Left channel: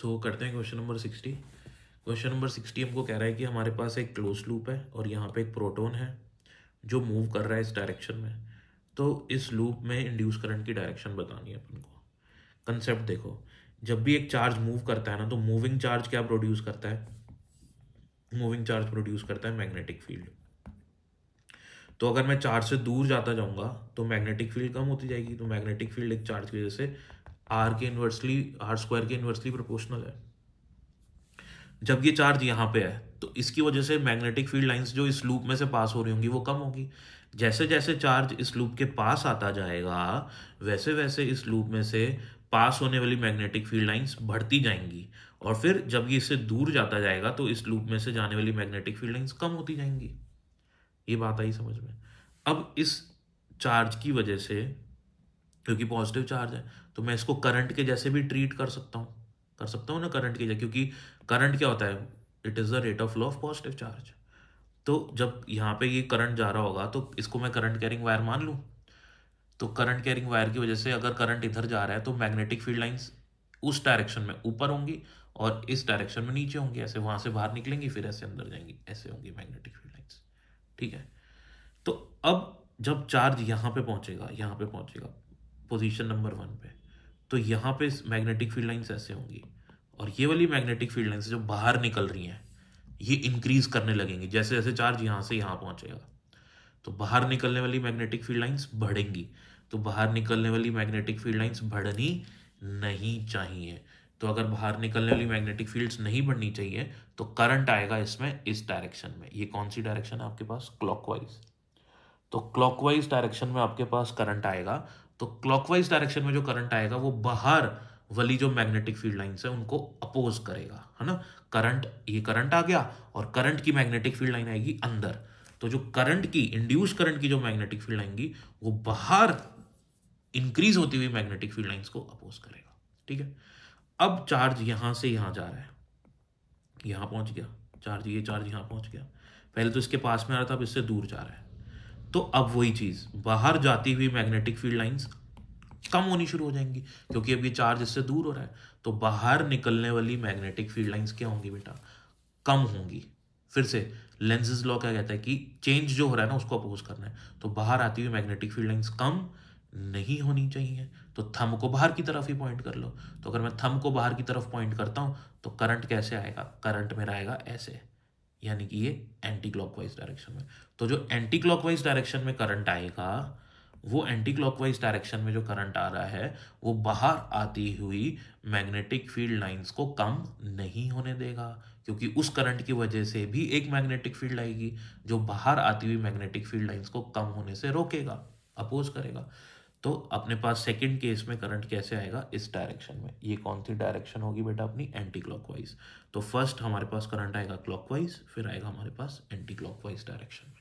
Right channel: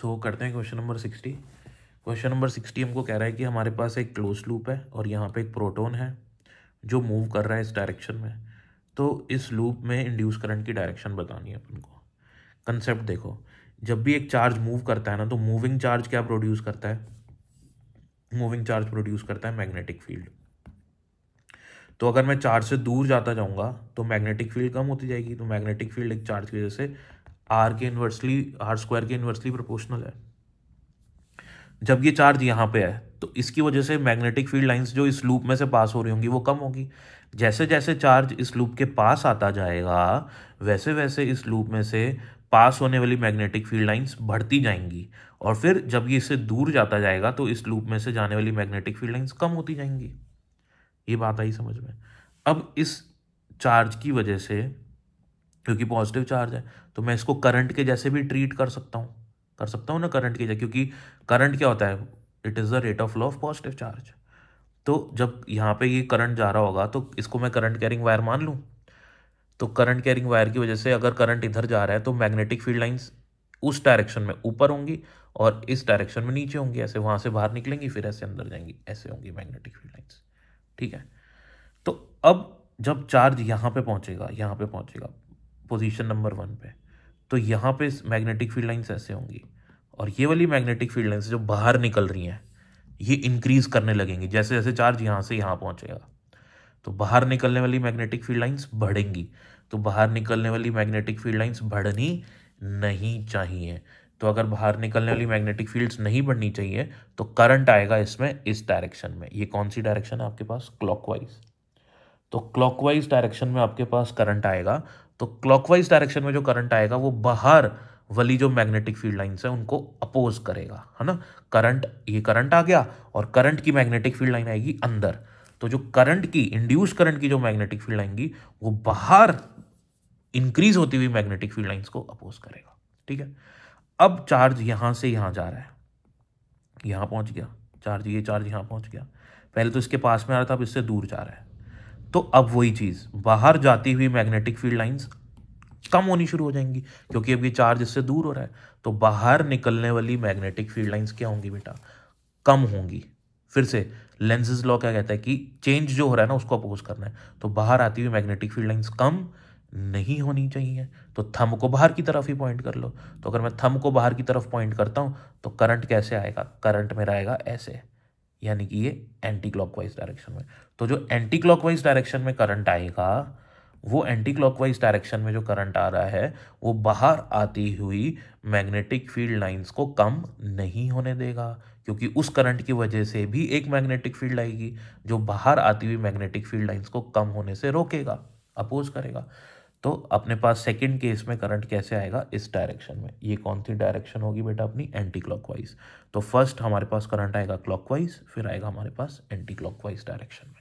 सो करते हैं question number 60। Question number 60 हमको कह रहा है कि हमारे पास एक क्लोज लूप है और यहाँ पे एक प्रोटॉन है जो मूव कर रहा है इस डायरेक्शन में। तो इस लूप में इंड्यूस करंट की डायरेक्शन बतानी है अपन को। कंसेप्ट देखो, जब भी एक चार्ज मूव करता है ना, तो मूविंग चार्ज क्या प्रोड्यूस करता है? मूविंग चार्ज प्रोड्यूस करता है मैग्नेटिक फील्ड। तो अगर मैं चार्ज से दूर जाता जाऊंगा तो मैग्नेटिक फील्ड कम होती जाएगी। तो मैग्नेटिक फील्ड एक चार्ज की वजह से आर स्क्वायर के इन्वर्सली प्रोपोर्शनल है। जब ये चार्ज यहाँ पे है तो इसकी वजह से मैग्नेटिक फील्ड लाइंस जो इस लूप में से पास हो रही होंगी वो कम होगी। जैसे जैसे चार्ज इस लूप के पास आता जाएगा वैसे वैसे इस लूप में से पास होने वाली मैग्नेटिक फील्ड लाइंस बढ़ती जाएंगी, और फिर जब ये इससे दूर जाता जाएगा तो इस लूप में से जाने वाली मैग्नेटिक फील्ड लाइंस कम होती जाएंगी। ये बात आई समझ में? अब इस चार्ज की वजह से, क्योंकि पॉजिटिव चार्ज है, तो मैं इसको करंट के जैसे भी ट्रीट कर सकता हूँ ना करंट के जैसे, क्योंकि करंट क्या होता है? It is the rate of flow of positive charge. तो जब यहाँ पे ये करंट जा रहा होगा तो इसको मैं करंट कैरिंग वायर मान लूँ। तो करंट कैरिंग वायर की वजह से अगर करंट इधर जा रहा है तो मैग्नेटिक फील्ड लाइंस उस डायरेक्शन में ऊपर होंगी और इस डायरेक्शन में नीचे होंगी। ऐसे वहां से बाहर निकलेंगी फिर ऐसे अंदर जाएंगी, ऐसे होंगी मैग्नेटिक फील्ड लाइंस। ठीक है। तो अब जब चार्ज यहाँ पे पहुंचेगा पोजीशन नंबर 1 पे, तो यहाँ पे मैग्नेटिक फील्ड लाइंस ऐसे होंगी, और ये वाली मैग्नेटिक फील्ड लाइंस जो बाहर निकल रही हैं ये इंक्रीज करने लगेंगी जैसे जैसे चार्ज यहाँ से यहाँ पहुंचेगा। तो बाहर निकलने वाली मैग्नेटिक फील्ड लाइंस बढ़ेंगी। तो बाहर निकलने वाली मैग्नेटिक फील्ड लाइंस बढ़नी नहीं चाहिए। तो अगर बाहर निकलने वाली मैग्नेटिक फील्ड्स नहीं बढ़नी चाहिए तो करंट आएगा इसमें इस डायरेक्शन में। ये कौन सी डायरेक्शन है आपके पास? क्लॉकवाइज। तो क्लॉकवाइज डायरेक्शन में आपके पास करंट आएगा। तो क्लॉकवाइज डायरेक्शन में जो करंट आएगा वो बाहर वाली जो मैग्नेटिक फील्ड लाइंस है उनको अपोज करेगा, है ना। करंट, ये करंट आ गया और करंट की मैग्नेटिक फील्ड लाइन आएगी अंदर। तो जो करंट की, इंड्यूस करंट की जो मैग्नेटिक फील्ड आएंगी वो बाहर इंक्रीज होती हुई मैग्नेटिक फील्ड लाइंस को अपोज करेगा। ठीक है। अब चार्ज यहां से यहां जा रहा है, यहां पहुंच गया चार्ज, ये चार्ज यहां पहुंच गया। पहले तो इसके पास में आ रहा था, अब इससे दूर जा रहा है। तो अब वही चीज, बाहर जाती हुई मैग्नेटिक फील्ड लाइंस कम होनी शुरू हो जाएंगी क्योंकि अब ये चार्ज इससे दूर हो रहा है। तो बाहर निकलने वाली मैग्नेटिक फील्ड लाइंस क्या होंगी बेटा? कम होंगी। फिर से लेंसेज लॉ क्या कहता है कि चेंज जो हो रहा है ना उसको अपोज करना है। तो बाहर आती हुई मैग्नेटिक फील्ड लाइंस कम नहीं होनी चाहिए। तो थंब को बाहर की तरफ ही पॉइंट कर लो। तो अगर मैं थंब को बाहर की तरफ पॉइंट करता हूं तो करंट कैसे आएगा? करंट मेरा आएगा ऐसे, यानी कि ये एंटी क्लॉकवाइज डायरेक्शन में। तो जो एंटी क्लॉकवाइज डायरेक्शन में करंट आएगा, वो एंटी क्लॉकवाइज डायरेक्शन में जो करंट आ रहा है वो बाहर आती हुई मैग्नेटिक फील्ड लाइंस को कम नहीं होने देगा, क्योंकि उस करंट की वजह से भी एक मैग्नेटिक फील्ड आएगी जो बाहर आती हुई मैग्नेटिक फील्ड लाइंस को कम होने से रोकेगा, अपोज करेगा। तो अपने पास सेकंड केस में करंट कैसे आएगा? इस डायरेक्शन में। ये कौन सी डायरेक्शन होगी बेटा? अपनी एंटी क्लॉकवाइज। तो फर्स्ट हमारे पास करंट आएगा क्लॉकवाइज, फिर आएगा हमारे पास एंटी क्लॉकवाइज डायरेक्शन में।